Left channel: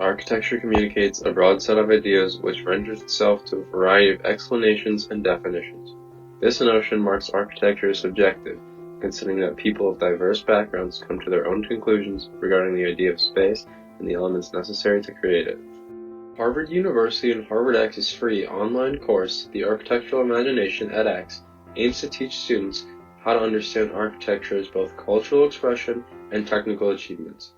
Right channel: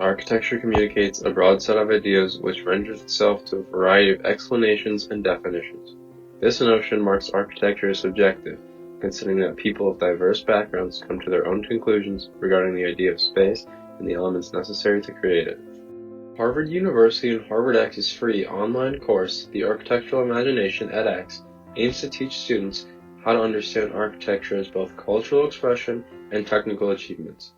Architecture communicates a broad set of ideas which renders itself to a variety of explanations and definitions. This notion marks architecture as subjective, considering that people of diverse backgrounds come to their own conclusions regarding the idea of space and the elements necessary to create it. Harvard University and HarvardX's free online course, The Architectural Imagination edX, aims to teach students how to understand architecture as both cultural expression and technical achievements.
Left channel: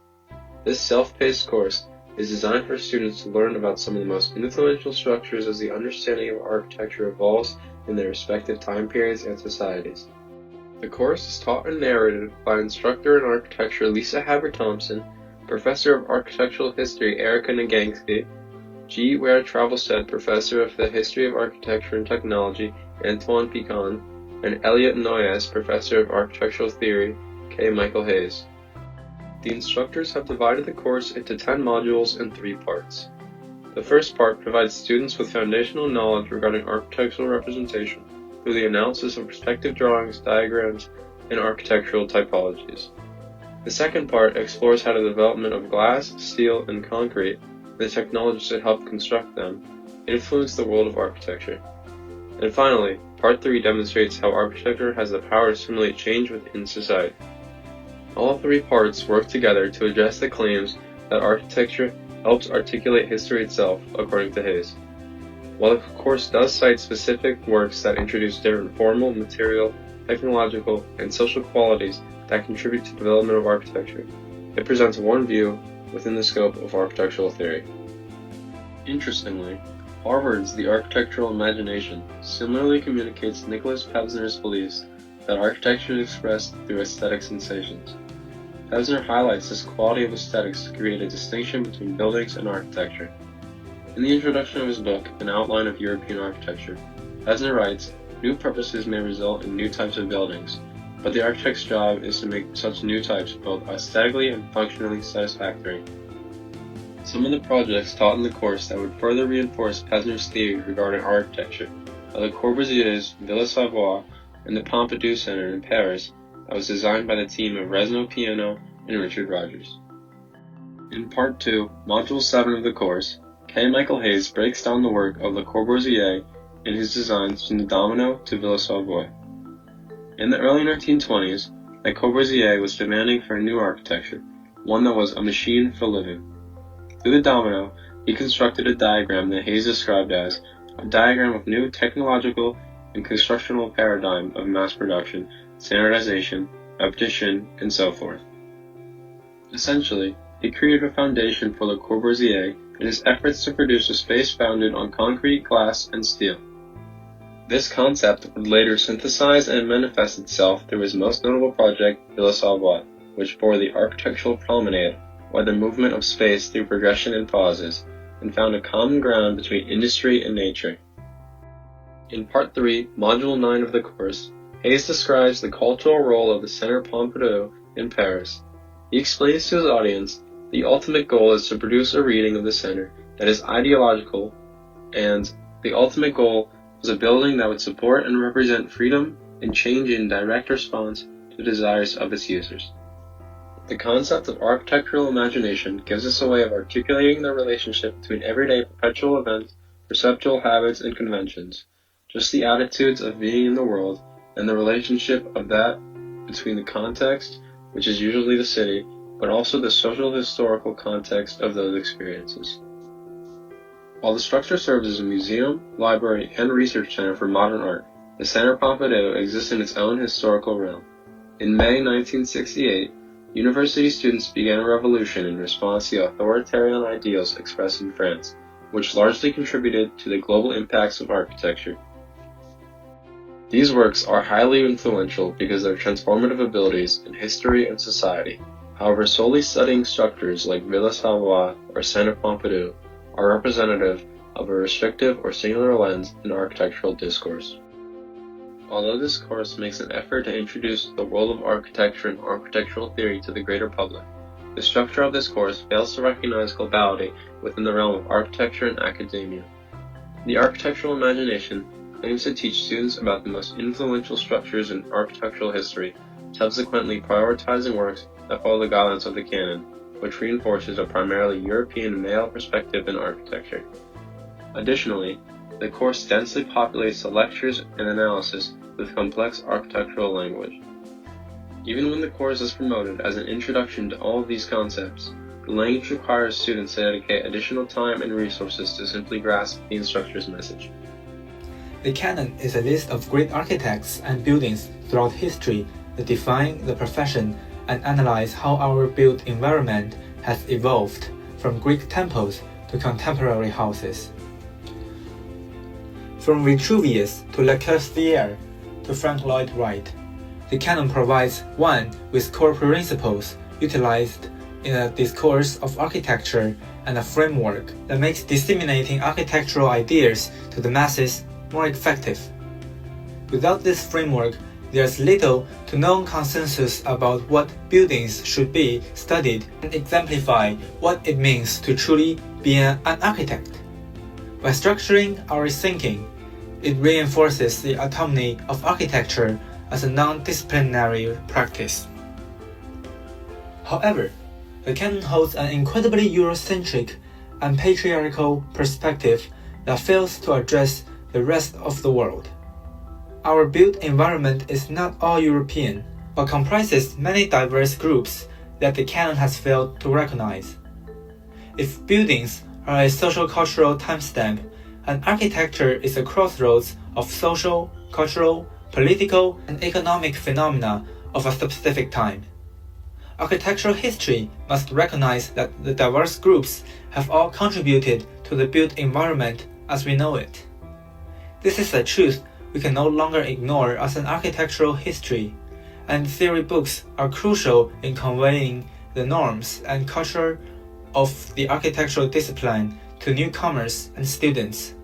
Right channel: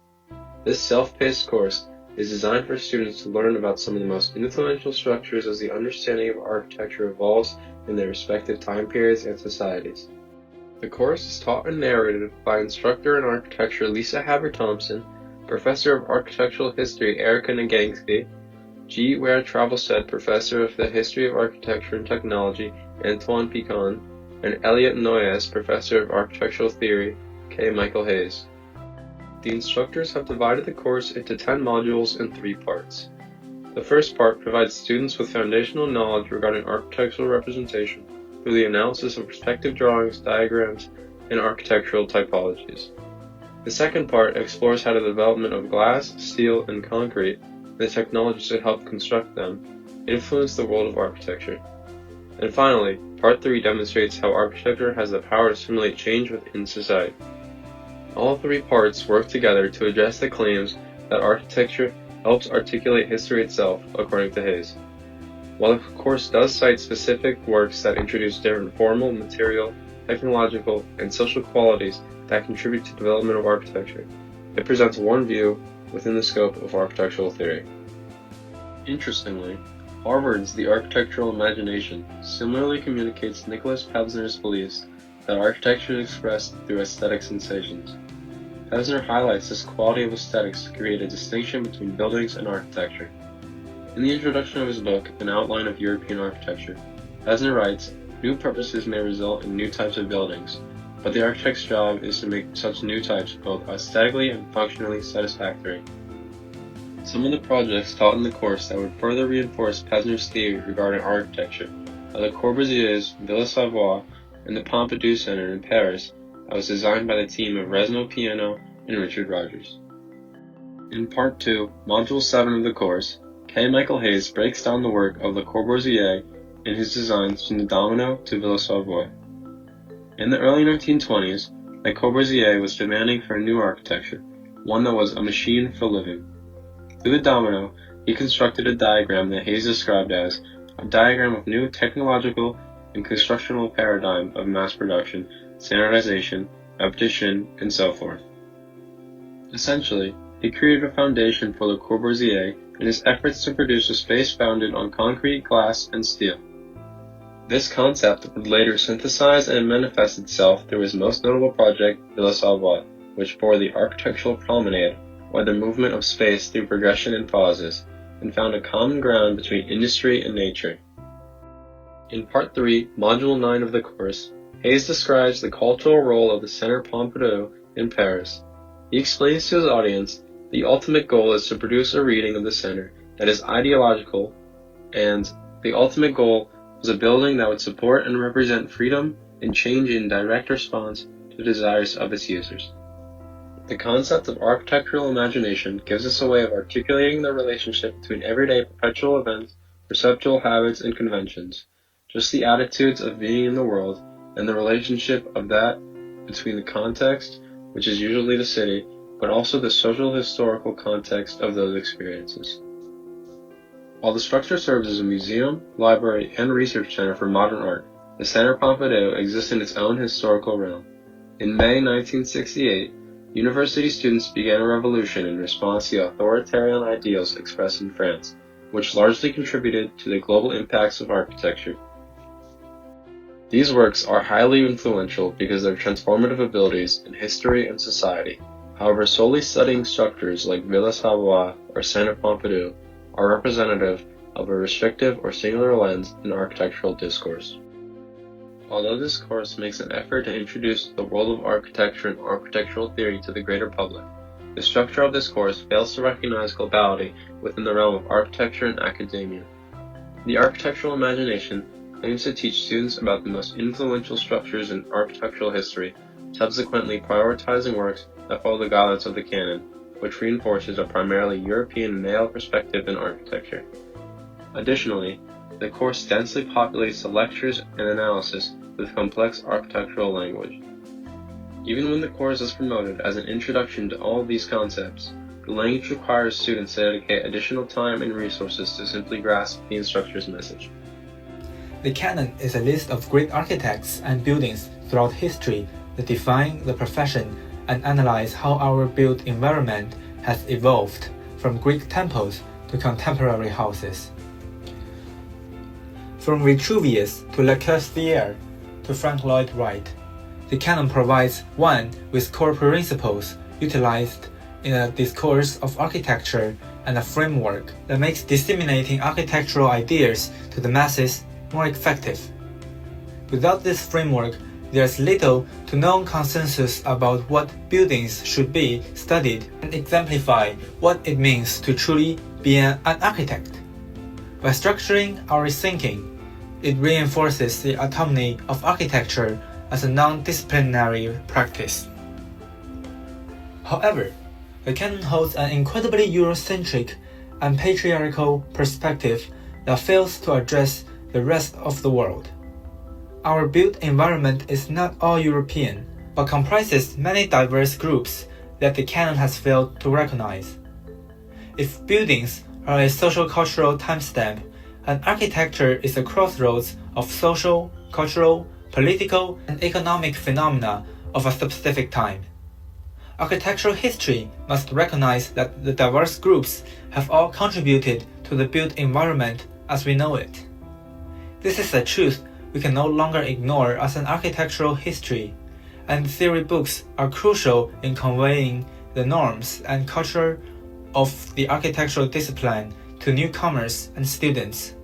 This self-paced course is designed for students to learn about some of the most influential structures as the understanding of architecture evolves in their respective time periods and societies. The course is taught and narrated by instructor in architecture Lisa Haber-Thompson, professor of architectural history Erica Nagansky, G. Ware Travelstead Professor of the History of Architecture and Technology Antoine Picon, and Elliot Noyes Professor of Architectural Theory K. Michael Hayes. The instructors have divided the course into 10 modules in 3 parts. The first part provides students with foundational knowledge regarding architectural representation through the analysis of perspective drawings, diagrams, and architectural typologies. The second part explores how the development of glass, steel, and concrete, and the technologies that help construct them, influence the world of architecture. And finally, Part 3 demonstrates how architecture has the power to simulate change within society. All 3 parts work together to address the claims that architecture helps articulate history itself, according to Hayes. While the course does cite specific works that introduce different formal, material, technological, and social qualities that contribute to the development of architecture, it presents one view within the scope of architectural theory. Interestingly, Harvard's The Architectural Imagination similarly communicates Nicholas Pevsner's beliefs that architecture is expressed through aesthetic sensations. Pevsner highlights this quality of aesthetics to create a distinction between buildings and architecture. In the introduction of his book, An Outline of European Architecture, Pevsner writes, "New purposes may result in new types of buildings, but the architect's job is to make such new types both aesthetically and functionally satisfactory." Some of the projects taught in the course that would further reinforce Pevsner's theory regarding architecture are Le Corbusier's Villa Savoye and the Pompidou Center in Paris that was designed by the team of Resno Piano and Richard Rogers. In Part 2, Module 7 of the course, K. Michael Hayes breaks down the work of Le Corbusier in his designs from the Domino to Villa Savoye. In the early 1920s, Le Corbusier was demanding for a new architecture, one that was a machine for living. Through the Domino, he constructed a diagram that Hayes described as a diagram of new technological and constructional paradigm of mass production, standardization, repetition, and so forth. Essentially, he created a foundation for Le Corbusier in his efforts to produce a space founded on concrete, glass, and steel. This concept would later synthesize and manifest itself through his most notable project, Villa Savoye, which bore the architectural promenade, or the movement of space through progression and pauses, and found a common ground between industry and nature. In Part 3, Module 9 of the course, Hayes describes the cultural role of the Centre Pompidou in Paris. He explains to his audience the ultimate goal is to produce a reading of the center that is ideological, and the ultimate goal was a building that would support and represent freedom and change in direct response to the desires of its users. The concept of architectural imagination gives us a way of articulating the relationship between everyday perpetual events, perceptual habits, and conventions, just the attitudes of being in the world, and the relationship of that between the context, which is usually the city, but also the social historical context of those experiences. While the structure serves as a museum, library, and research center for modern art, the Centre Pompidou exists in its own historical realm. In May 1968, university students began a revolution in response to authoritarian ideals expressed in France, which largely contributed to the global impacts of architecture. These works are highly influential because of their transformative abilities in history and society. However, solely studying structures like Villa Savoye or Centre Pompidou are representative of a restrictive or singular lens in architectural discourse. Although this course makes an effort to introduce the world of architecture and architectural theory to the greater public, the structure of this course fails to recognize globality within the realm of architecture and academia. The architectural imagination aims to teach students about the most influential structures in architectural history, subsequently prioritizing works that follow the guidelines of the canon, which reinforces a primarily European male perspective in architecture. Additionally, the course densely populates the lectures and analysis with complex architectural language. Even when the course is promoted as an introduction to all of these concepts, the language requires students to dedicate additional time and resources to simply grasp the instructor's message. The canon is a list of great architects and buildings throughout history that define the profession and analyze how our built environment has evolved from Greek temples to contemporary houses. From Vitruvius to Le Corbusier to Frank Lloyd Wright, the canon provides one with core principles utilized in a discourse of architecture and a framework that makes disseminating architectural ideas to the masses more effective. Without this framework, there's little to no consensus about what buildings should be studied and exemplify what it means to truly be an architect. By structuring our thinking, it reinforces the autonomy of architecture as a non-disciplinary practice. However, the canon holds an incredibly Eurocentric and patriarchal perspective that fails to address the rest of the world. Our built environment is not all European, but comprises many diverse groups that the canon has failed to recognize. If buildings are a social-cultural timestamp, and architecture is a crossroads of social, cultural, political, and economic phenomena of a specific time, architectural history must recognize that the diverse groups have all contributed to the built environment as we know it. This is a truth we can no longer ignore as an architectural history, and theory books are crucial in conveying the norms and culture of the architectural discipline to newcomers and students,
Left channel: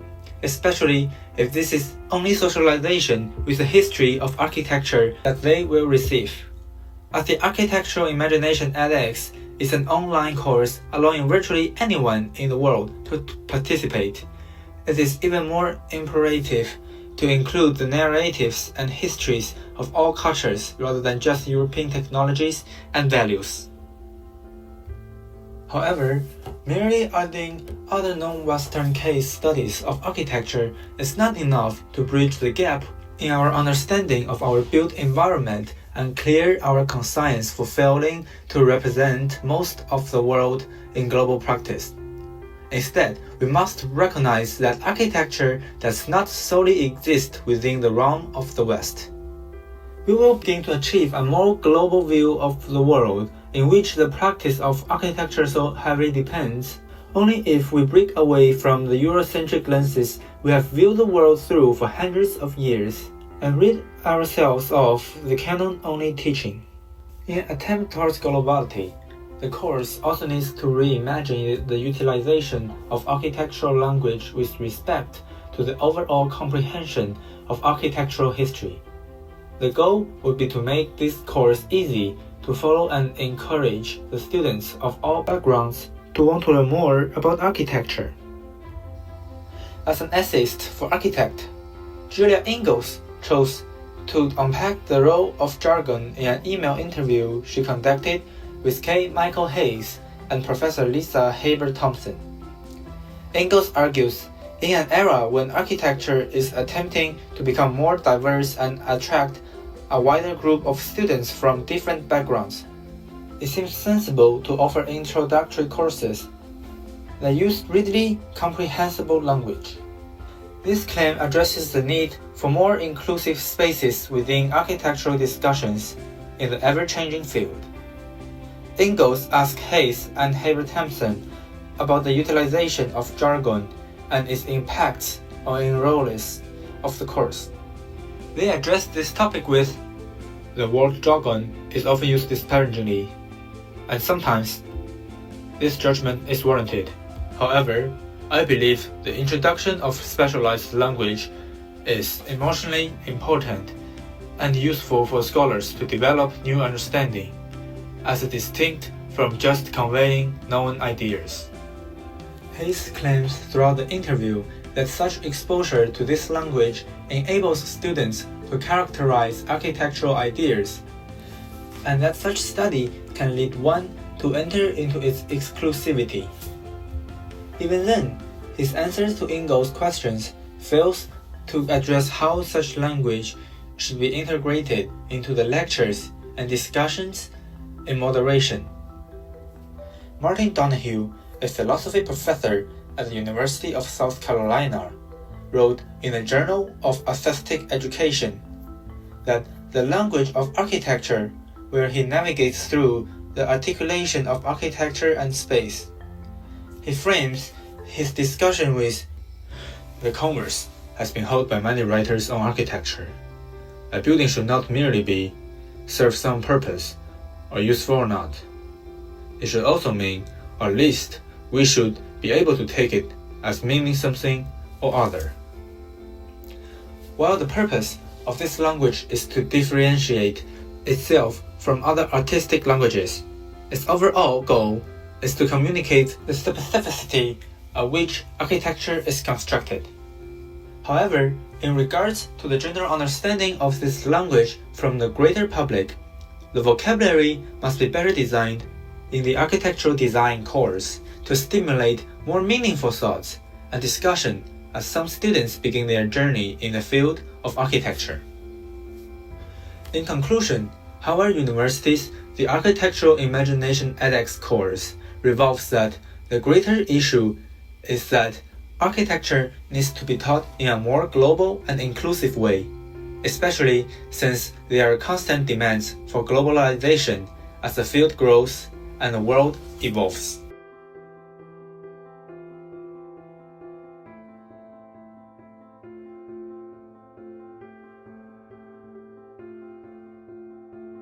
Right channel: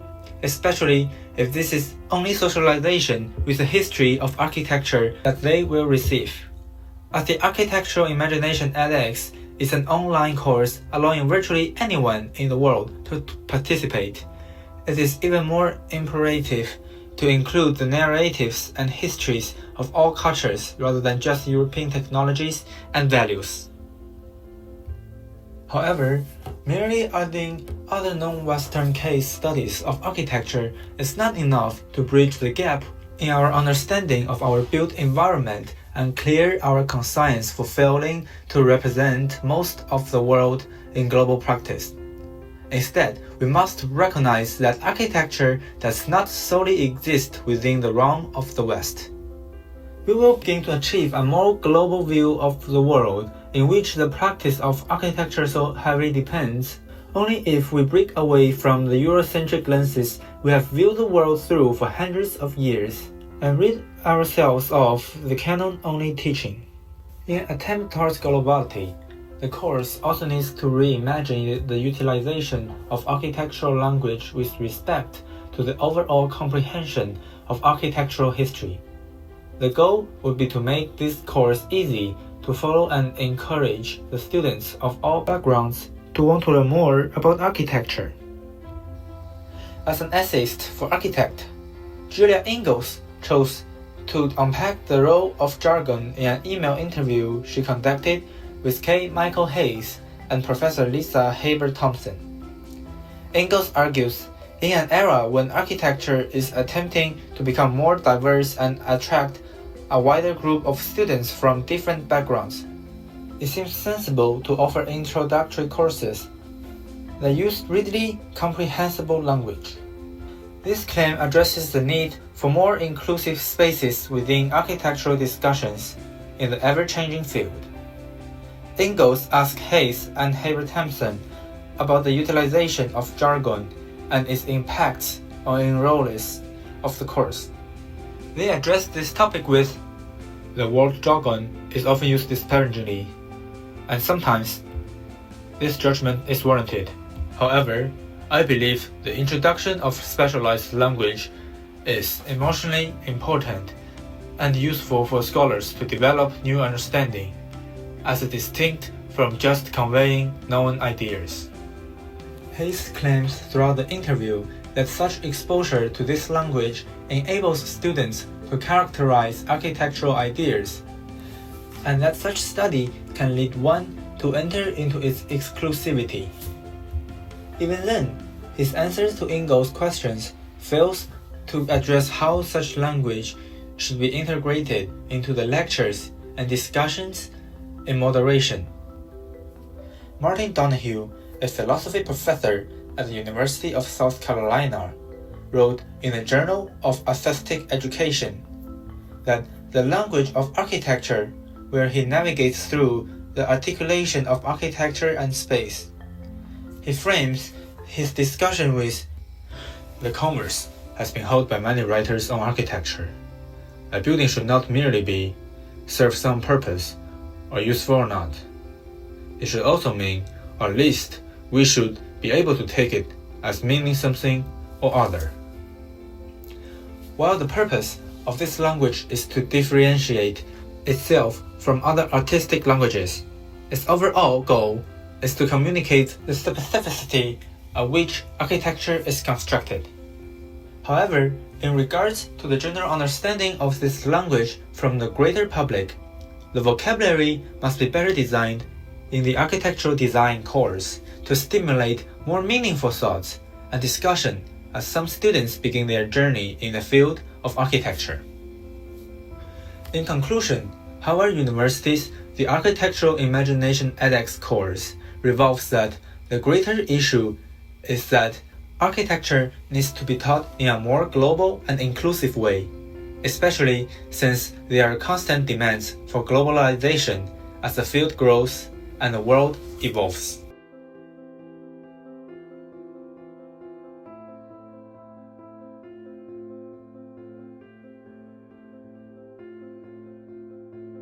especially if this is only socialization with the history of architecture that they will receive. As the Architectural Imagination edX is an online course allowing virtually anyone in the world to participate, it is even more imperative to include the narratives and histories of all cultures rather than just European technologies and values. However, merely adding other non-Western case studies of architecture is not enough to bridge the gap in our understanding of our built environment and clear our conscience for failing to represent most of the world in global practice. Instead, we must recognize that architecture does not solely exist within the realm of the West. We will begin to achieve a more global view of the world in which the practice of architecture so heavily depends, only if we break away from the Eurocentric lenses we have viewed the world through for hundreds of years and rid ourselves of the canon-only teaching. In an attempt towards globality, the course also needs to reimagine the utilization of architectural language with respect to the overall comprehension of architectural history. The goal would be to make this course easy to follow and encourage the students of all backgrounds to want to learn more about architecture. As an essayist for architect, Julia Ingalls chose to unpack the role of jargon in an email interview she conducted with K. Michael Hayes and Professor Lisa Haber-Thompson. Ingalls argues, in an era when architecture is attempting to become more diverse and attract a wider group of students from different backgrounds, it seems sensible to offer introductory courses that use readily comprehensible language. This claim addresses the need for more inclusive spaces within architectural discussions in the ever-changing field. Ingalls asked Hayes and Haber-Thompson about the utilization of jargon and its impacts on enrollees of the course. They addressed this topic with, "The word jargon is often used disparagingly, and sometimes this judgment is warranted. However, I believe the introduction of specialized language is emotionally important and useful for scholars to develop new understanding, as distinct from just conveying known ideas." Hayes claims throughout the interview that such exposure to this language enables students to characterize architectural ideas, and that such study can lead one to enter into its exclusivity. Even then, his answers to Ingalls' questions fails to address how such language should be integrated into the lectures and discussions in moderation. Martin Donohue, a philosophy professor at the University of South Carolina, wrote in the Journal of Aesthetic Education that the language of architecture, where he navigates through the articulation of architecture and space. He frames his discussion with, "The commerce has been held by many writers on architecture. A building should not merely be, serve some purpose, or useful or not. It should also mean, or at least we should be able to take it as meaning something or other." While the purpose of this language is to differentiate itself from other artistic languages, its overall goal is to communicate the specificity of which architecture is constructed. However, in regards to the general understanding of this language from the greater public, the vocabulary must be better designed in the architectural design course to stimulate more meaningful thoughts and discussion as some students begin their journey in the field of architecture. In conclusion, Howard University's The Architectural Imagination edX course revolves that the greater issue is that architecture needs to be taught in a more global and inclusive way, especially since there are constant demands for globalization as the field grows and the world evolves.